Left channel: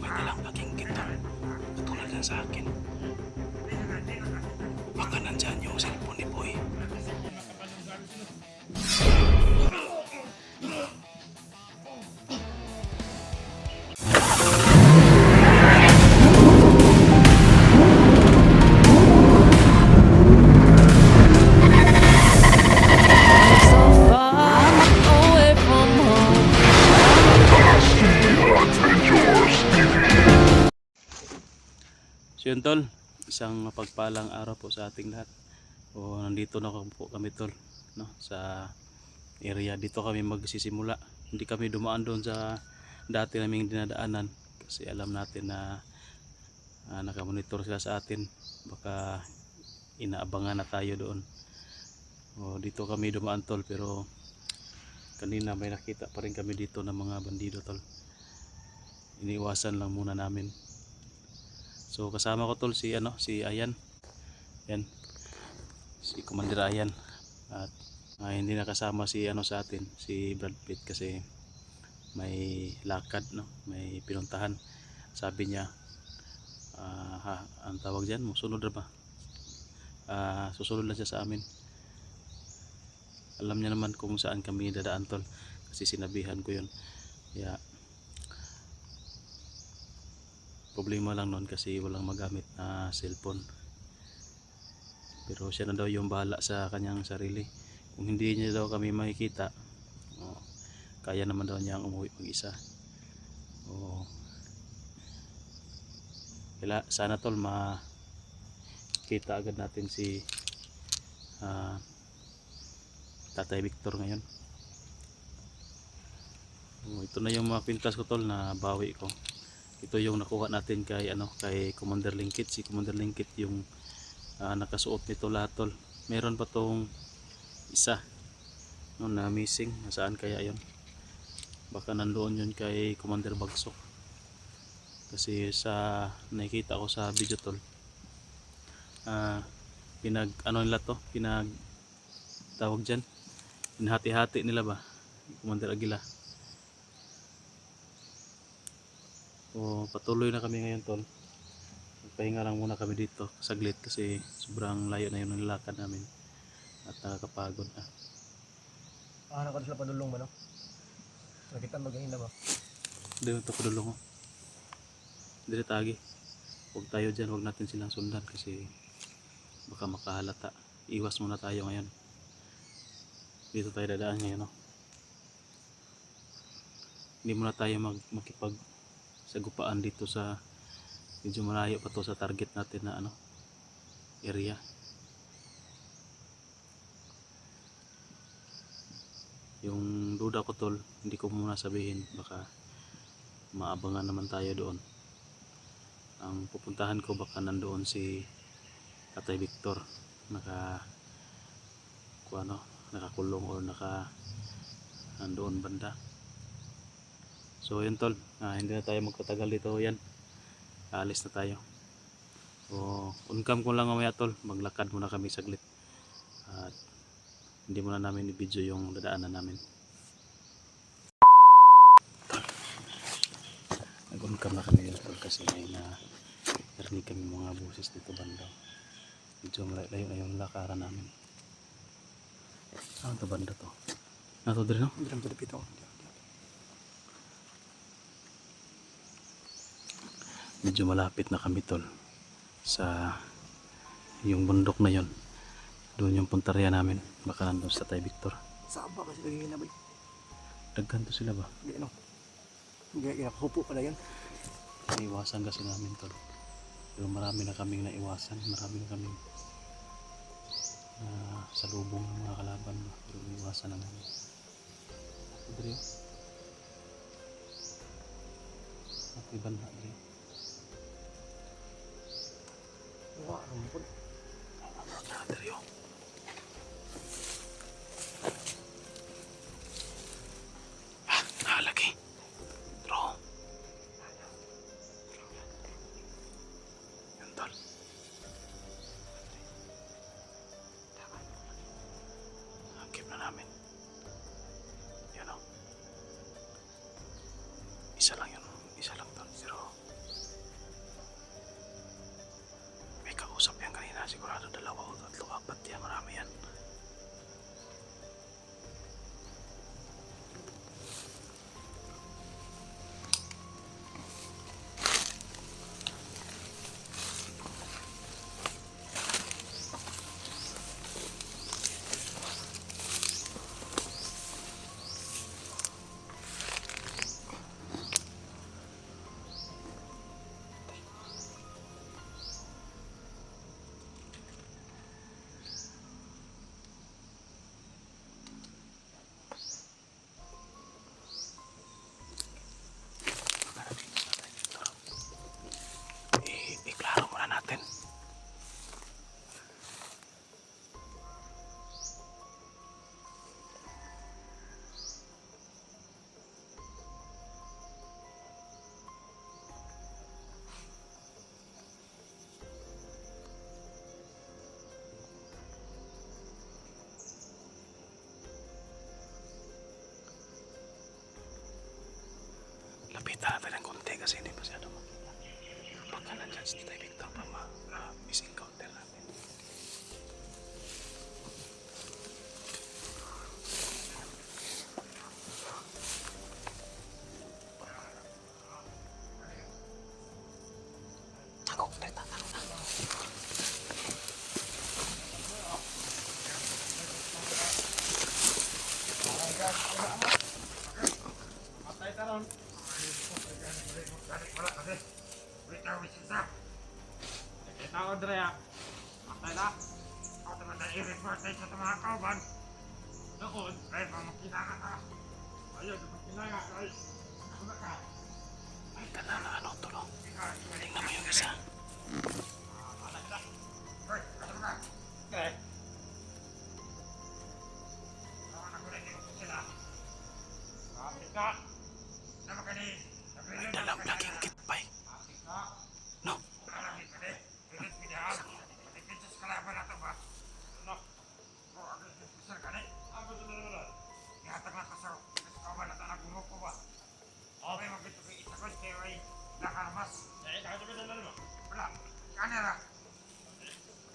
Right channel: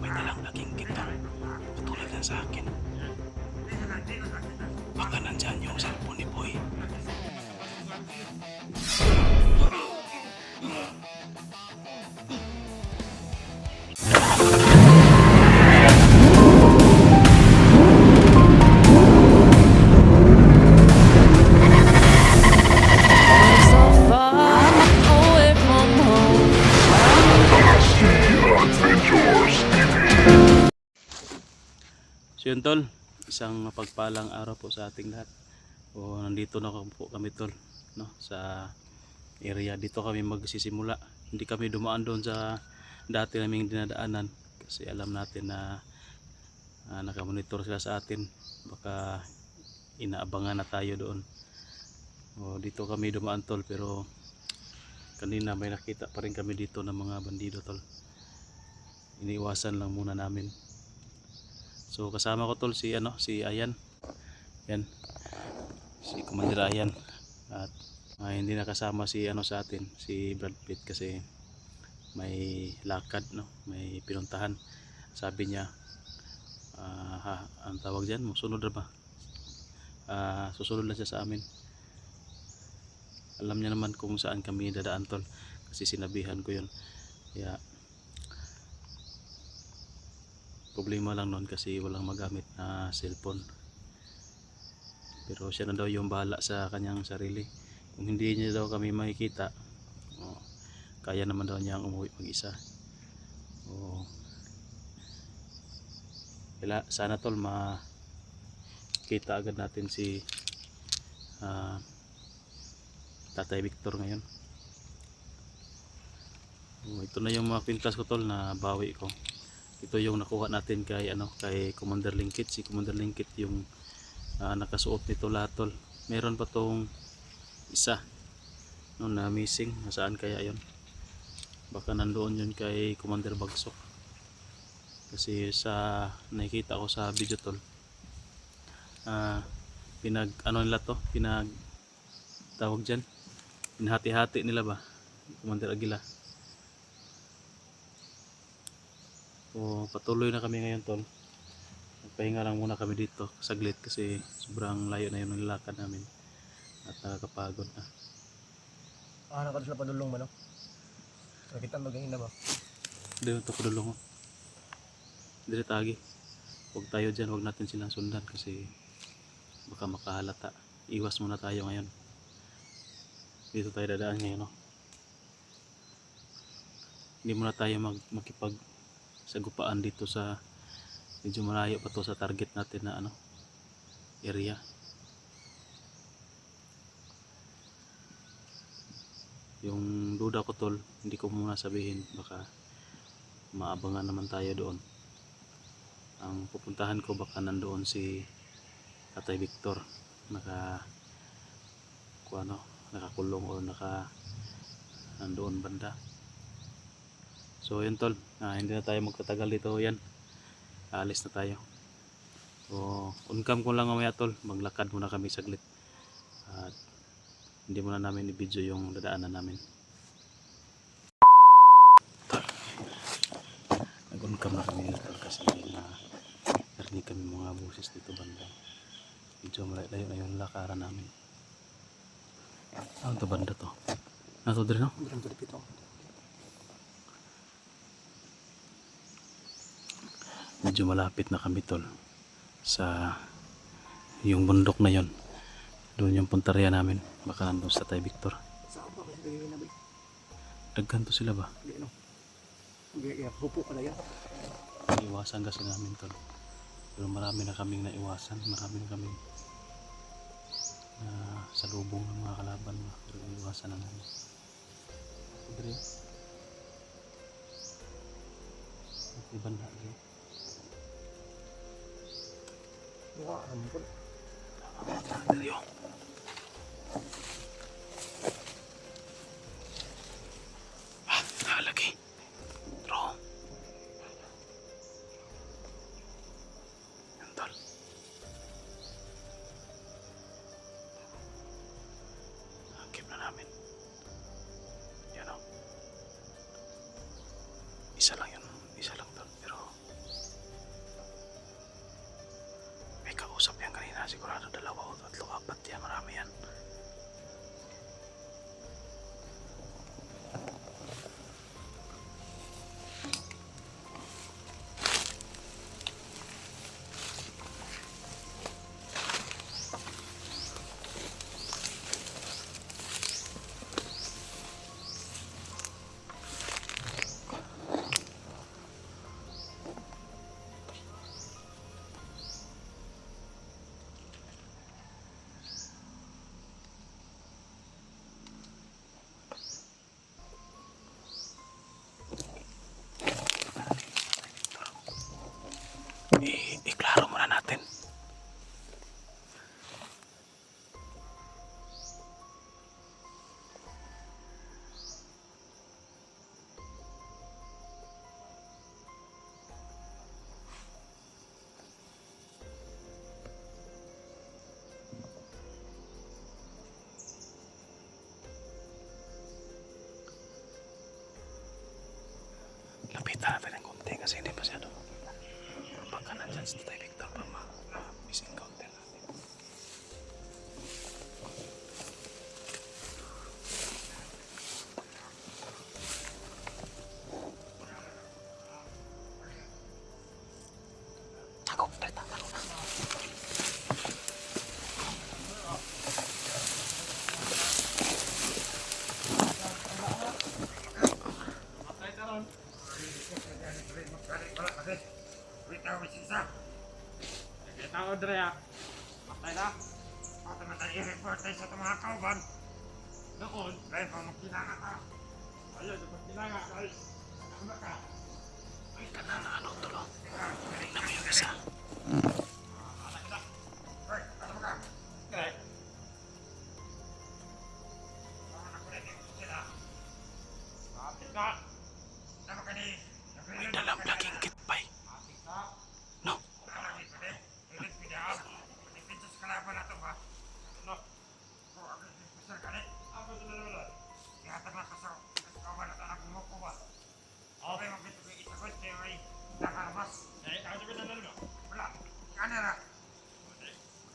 May dalang laging kita. Katulad ng sa akin. Baka nandyan yung cellphone ni Boy. So far away from home. So yun tol, isang mapagpalang araw po sa ating lahat. O nandito na po kami tol, no, sa area. Dito kami magsisimula. Hindi kami dumaan doon sa dati naming dinadaanan kasi alam natin na nakamonitor sila sa atin. Baka inaabangan na tayo doon. O dito kami dumaan tol, pero kanina may nakita pa rin kami dito ng mga bandido tol. Iniiwasan lang muna namin. So kasama ko tol si Ayan. Yan. Si Commander Ayan. At hindi nakasama si sa atin, si Brad Pitt kasi may lakad, no, may pinuntahan. Sabi niya ang tawag diyan, musunod na ba? Susunod lang siya sa amin. Alam niya naman kung saan kami dadaan tol kasi sinabihan ko 'yon. Kaya problema lang noon kasi walang magamit na cellphone. Pero siya na daw yung bahala sa kanyang sarili. Kung hindi niya daw kami makikita, kaya naman daw niyang umuwi mag-isa. Sana tol makita agad natin si Tatay Victor ngayon. Ito na yung mga pintas ko tol na bawi ko. Ito yung nakuha natin kay kay Commander Lingkit. Si Commander Lingkit yung nakasuot nito lahat tol. Meron pa tong isa no, na missing. Nasaan kaya yon? Baka nandoon yun kay Commander Bagsok. Kasi sa nakikita ko sa video tol, nila to, tawag dyan, pinahati-hati nila ba, Commander Aguila. So patuloy na kami ngayon tol. Magpahinga lang muna kami dito saglit kasi sobrang layo na yun ng lakad namin at nakakapagod na. Nakakad sila padulong ba no? Nakita maganda ba? Dito ito padulong. Dito tagi. Huwag tayo dyan, huwag natin silang sundan kasi baka makahalata. Iwas muna tayo ngayon. Dito tayo dadaan ngayon, no? Hindi muna tayo makipag sagupaan dito sa medyo malayo pa to sa target natin na area. Yung duda ko tol, hindi ko muna sabihin, baka maabangan naman tayo doon. Ang pupuntahan ko baka nandoon si Tatay Victor nakakulong o nandoon banda. So yun tol, hindi na tayo magtatagal dito. Yan, aalis na tayo. So on cam ko lang mamaya tol, maglakad muna kami saglit at hindi muna namin i-video yung dadaanan namin tol. Nag-on cam na kami tol kasi may narinig kami mga buses dito banda. Medyo malayo na yung lakaran namin. Ano to banda to? Nato dito no? Drum to the pito. Medyo malapit na kami tol sa yung bundok na yon. Doon yung puntarya namin. Baka nandun sa Tatay Victor. Saan ba kasi lagi na ba? Daggan to sila ba? Hindi no. Hindi hupo pala yan. Iiwasan kasi namin tol. Pero marami na kaming naiwasan. Marami na kaming na salubong ng mga kalaban ba. Pero iiwasan na namin. Dre. Iban na dre. Wah, ampun. Dre. Lagi. Draw. Yan tol. Isa lang yun. Isa lang tol. Pero may kausap yan kanina. Sigurado 2 o 3, 4 yan. Marami yan. Iklaro muna natin. Lapitan natin ng konti kasi hindi masyado. Baka nandyan si Tatay Victor pa missing counter natin. Takot, takot na. Matay taron. Wala kasi. Wait na, wait isa. Nakita ko, Drea. Matay na. Ako naman na i-report tayo sa mga kauban. Doon, dahil pa magkinanga ka. Ayaw, doon magkinanga. Dahil, ano ka? Ay, kana na ano tulo. Tingnan mo yung isa. Ala kita. Hoy, ano ka? Okay. Ako na ko na yung sila. Kapit ka. Nama ka ni. May dalang laging kitpay. Kapit ka. No? Alangin ka din. Ilis pinahal. Ipinsas ka laban natin ba? Ano? O, agad ipinsas ka din. Ang gusto na naman. Ihatag na ka sa kawan at anak mo ko ba? Okay, magkito ko isa ko. Kaya ay nakaramas. Eh, nakita ko na naman. Wala. Kanya na.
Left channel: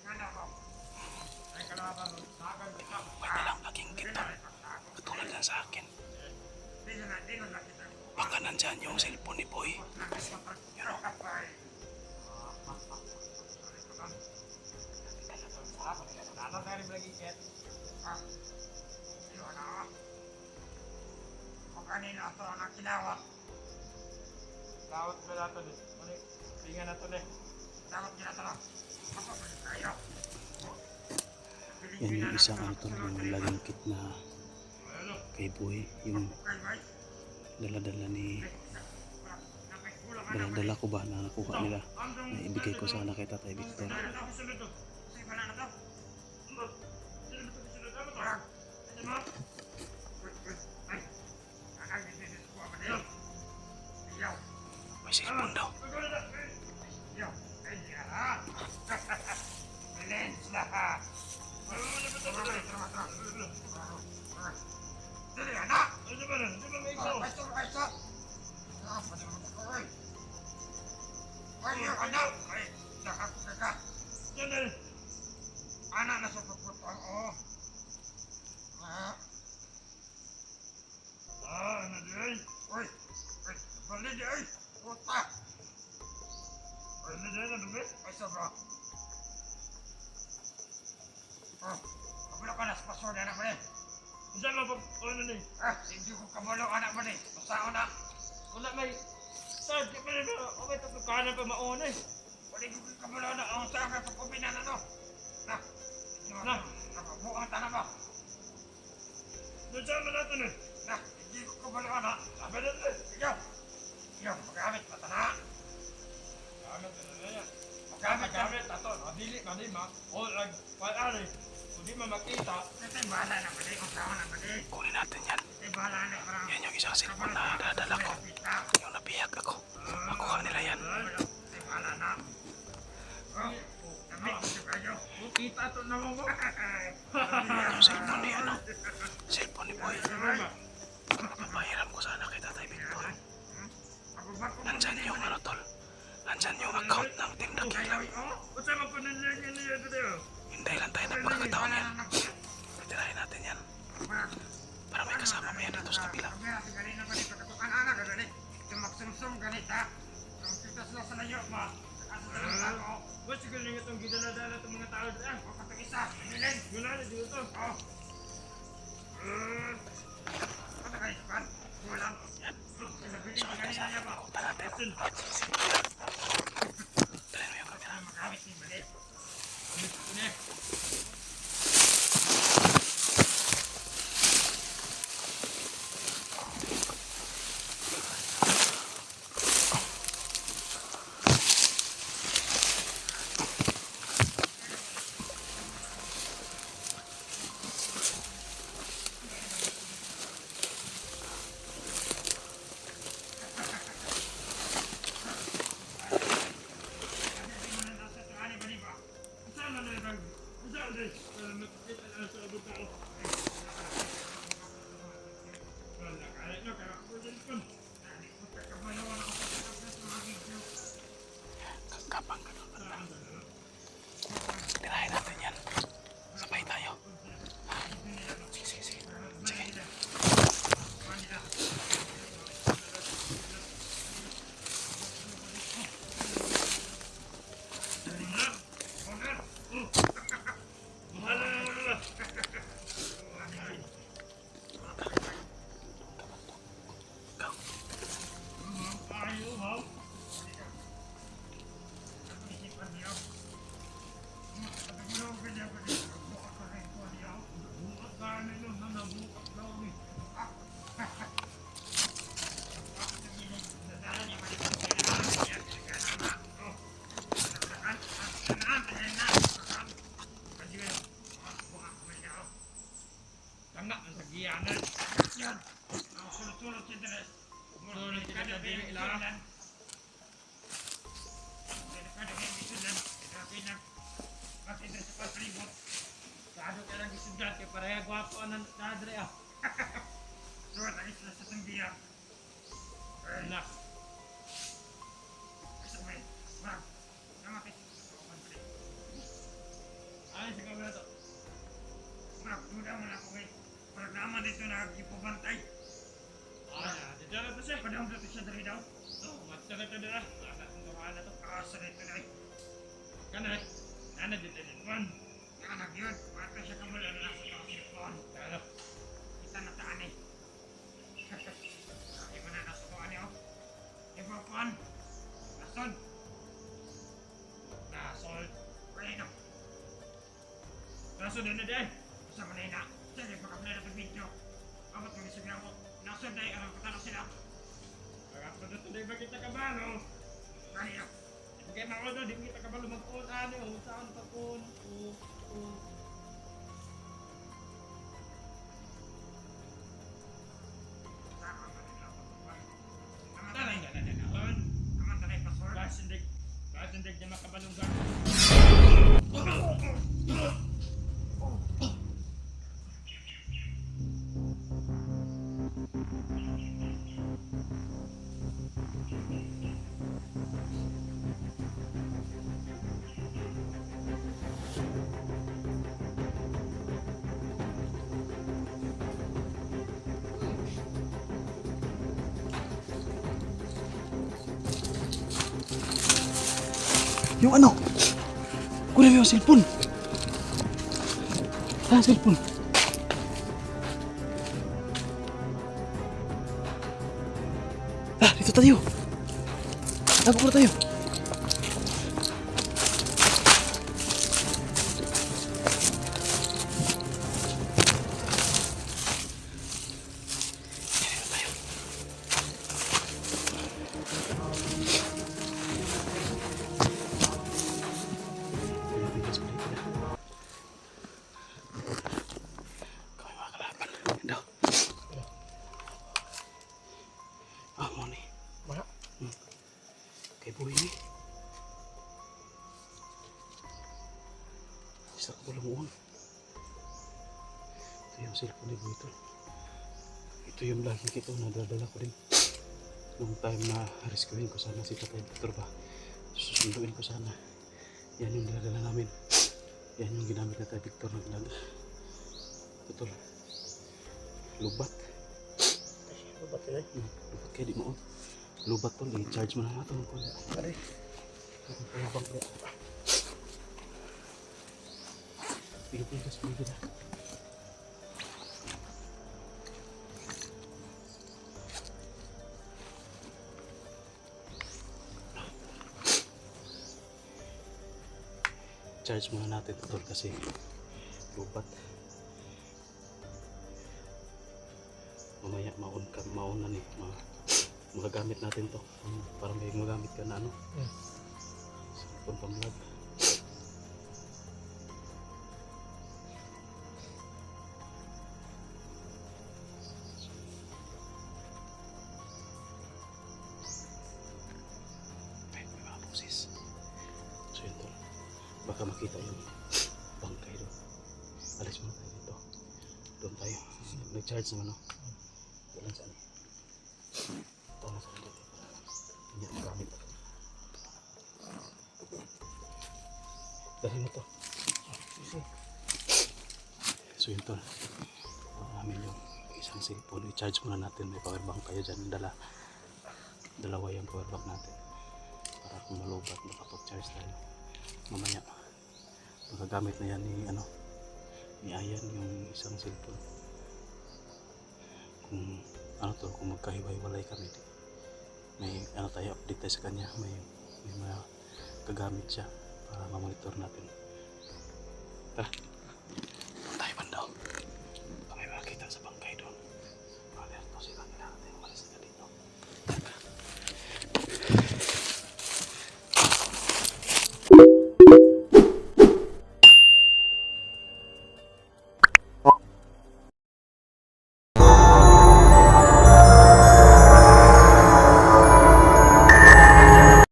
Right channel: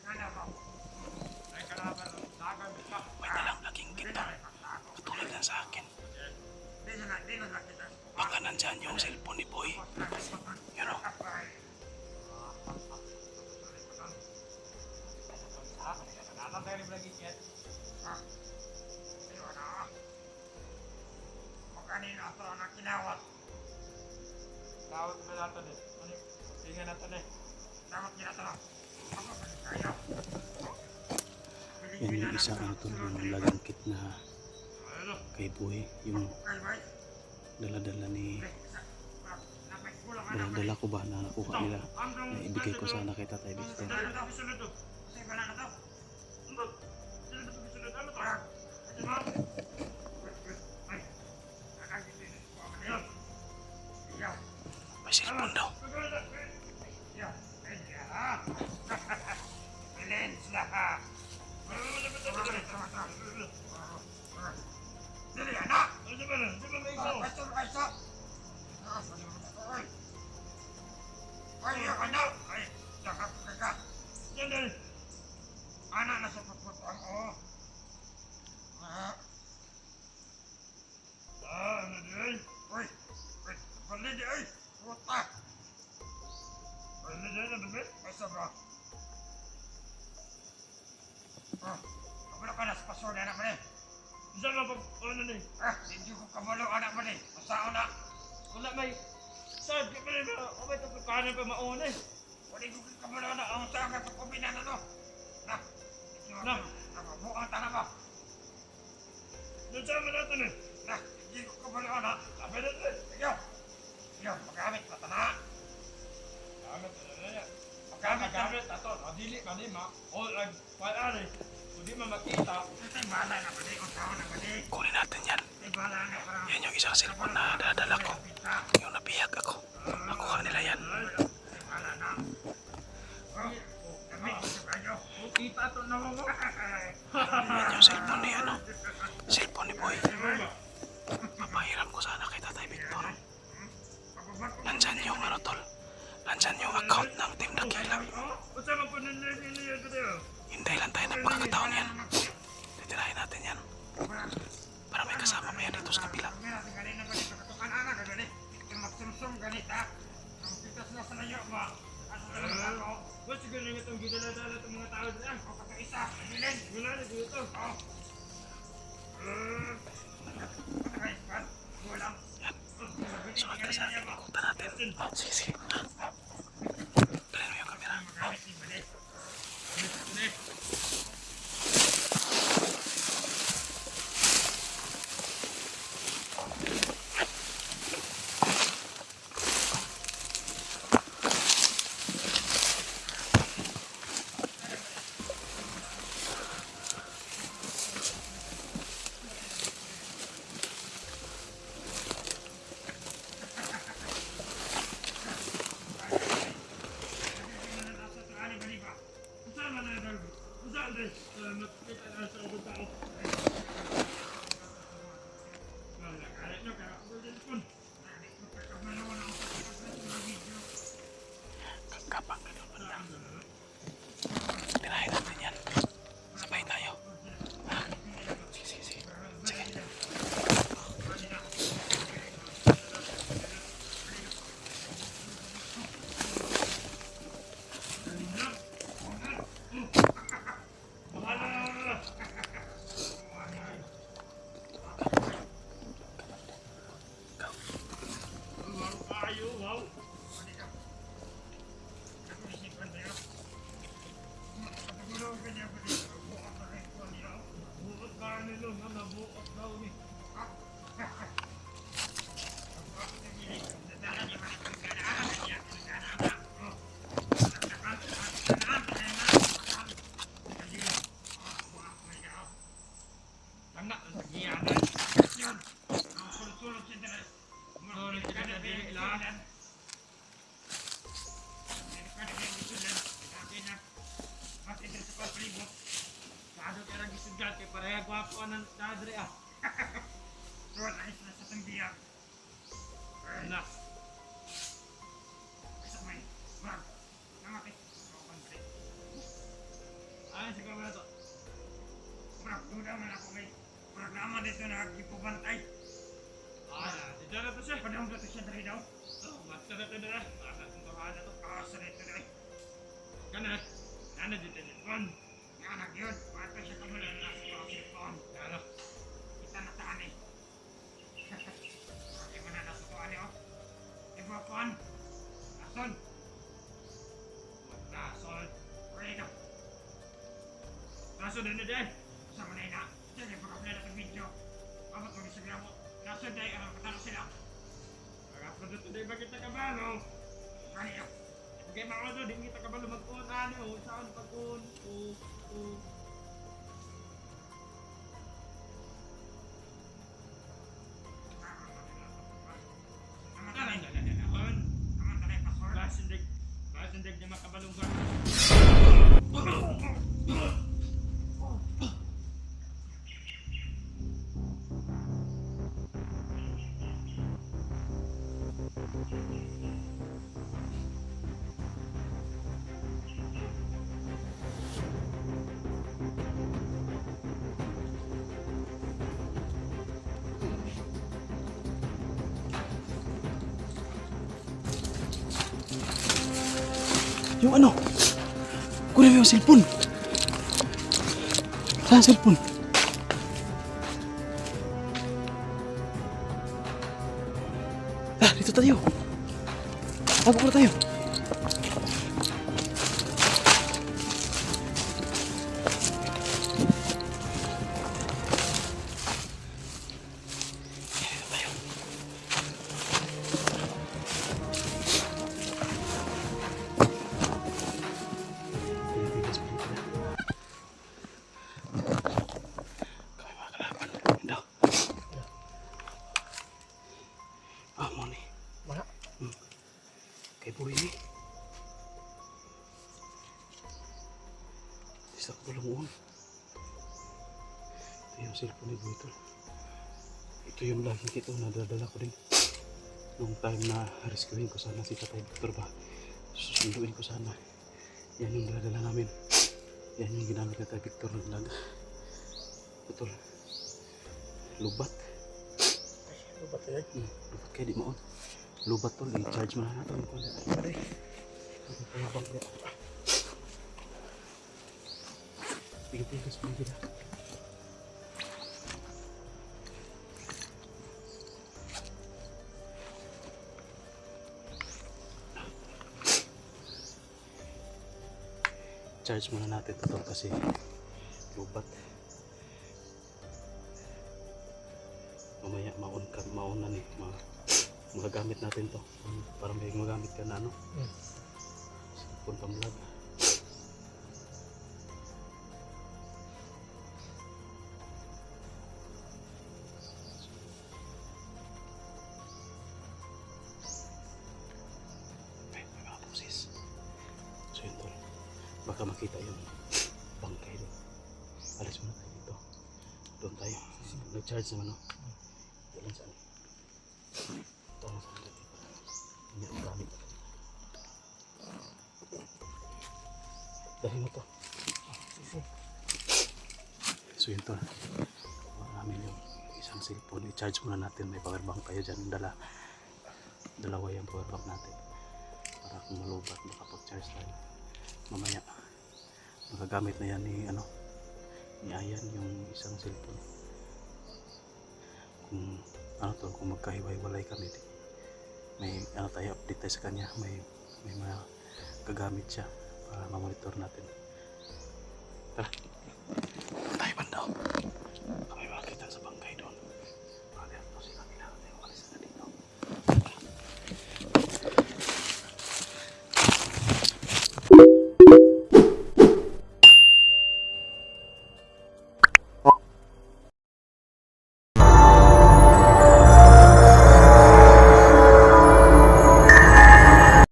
Kanya ba? Ay, kalaban. Nagan ka. May dalang laging kitpay. Katulad yan sa akin. Di na nakita. Baka nandyan yung cellphone ni Boy. You know? Datang kali lagi ket. Iyo na. Pagkanin ato anak kinawat. Lawat ba nato ni? Mani pingan nato ni. Lawat ni nato. Apa ba kayo? Yan yung isang ano tol, yung laging kit na kay Boy. Yung dala-dala ni... Dala-dala ko ba na nakuha nila. Na ibigay ko sana kay Tatay Victor. May cellphone daw. Dali anak. Ayo anak. Ay, jangan kakak. Jangan. Anak nasa pagputang oh. Ano din? Uy, balik di ay. Puta. Ano din ano din? Ay sabra. Kabalo ka na sa paso na anak mo ni. Diyan mo pag ano ni? Hindi ko kabalo anak mo ni. Masao na. Wala may sad di pa rin ba? O may kanan pa mauna eh. Wala ko kabalo na. Ang saan ka pagkubinan na to? Na, buang tanah ba? Diyan mo natin eh. Na, hindi ko kabalo na. Sabi natin. Ikaw. Ikaw, magamit pa tanah. Magamit na yan. Magamit ato. Dili ka di ma. O, pala rin. Kung di mo makita, ito'y bahala na ba di? Kung saan na ba di? Kunin natin yan. Ito'y bahala na parang... Yan yung isang cellphone na dadala ko. Yung nabihag ako. Nakuha nila yan. Ito'y bahala na. Damit mo si kayo. Kita ito na mo. Yan yung cellphone ni ano. Cellphone ni Boy. Mapahiram ko sana kay Tatay Victor. Nandyan yung ano tol. Nandyan yung account ng Team Dakila. Unsa man po niya dito? Hintay lang tayo ng pagkakataon yan. Titirahin natin yan. Para may kasama pa yan dito sa kabila. Magsumsum ganita. Ang kita sila sa layo ba? What's yung galing itong gidala-dala itong mga tao dito? O katong isa, nabilin. Wala na dito. O. Ano kayo kan? Walang. Yan. Sunod na sa ating ikutan natin. Sige, sige. Try mo yung camera. Magamit ni Balit. Ini. Kapang ka doon banda. Tirahin natin yan. Sabay tayo. Sige, sige, sige. Sige. Tangga ang tagiyanan. Yan. Ang sulod-sulod siya dito. Sulod siya dito lang. Kada kaya gisudan, kada makita sa palibot. Kado kaya lang gisudan kay pareha gwapo ang nadre ah. Suwat ang isla sa tangbiyak. Nak. Isa may. Wag. Namatay. Ay sa kamera to. Wag, duda man ako kay. Wag naman dito nagipubantay. Dito na to siya. Padang dito siya dari daw. Matsa na ito na. Masa tuntuhan na to. Sa dito na. Kana. Nana dito din. Nanak yun. Mata siya kamula na lang sa pangipon. Ano? Kita na taan eh. Ay mo na nasutuan niyo. Iba pon. Nason. Nasol. Pwede. Nason din na din. Sama na ina. Sige pa kapila na sa video. Abot mo isa gramo. Nason dahil alam katanak sila. Pag-upload ito dahil bakit nakabalo? Kaniyo. Okay mga odo, di kita kabalo mag-on. Ano, saan pag-on? Basindig niya makabalong ga. Yung ano? Kunin mo yung cellphone. Saan cellphone? Dito tayo. Tago muna tayo. Buhay isa ko tulungan. Ito yung cellphone ni Buito. Ito yung lagi kita nadadala ko rin. nung time na rescuein ko sana si Tatay Victor ba, susunduin ko sana. Yan yung daladala namin. Yan yung ginamit na Tatay Victor na ginamit. Putol. Lubat. Lubat ka Lubat kayo di mo. Lubat tol, i-charge mo na natin. Pare. Payabang kaya. Pilipinas mo gila. Charge muna natin ito tol kasi lubat. Mamaya maon na ni magagamit natin to para may magamit ka na ano. Cellphone pang vlog. May mga busis. So yun tol. Baka makita yung bangkay doon. Alis muna tayo dito. Doon tayo. Nag-charge naman, no? Dalan saan eh. Ito na saan dito. Hindi ang gamit. Dali mo to. So yun to. Namin yung isang cellphone. I-charge muna natin. May power bank tayo dyan. Dalawa yung power bank natin. Para kung malubat, makapag-charge tayo. Mamaya magagamit na yan ni ni Ayan yung isang cellphone. Kung kung magkahiwa-hiwalay kami, may tayo update tayo sa kanya, may mga gagamit siya para ma-monitor natin. Tara, doon tayo bandaw. Baka may makakita sa bangkay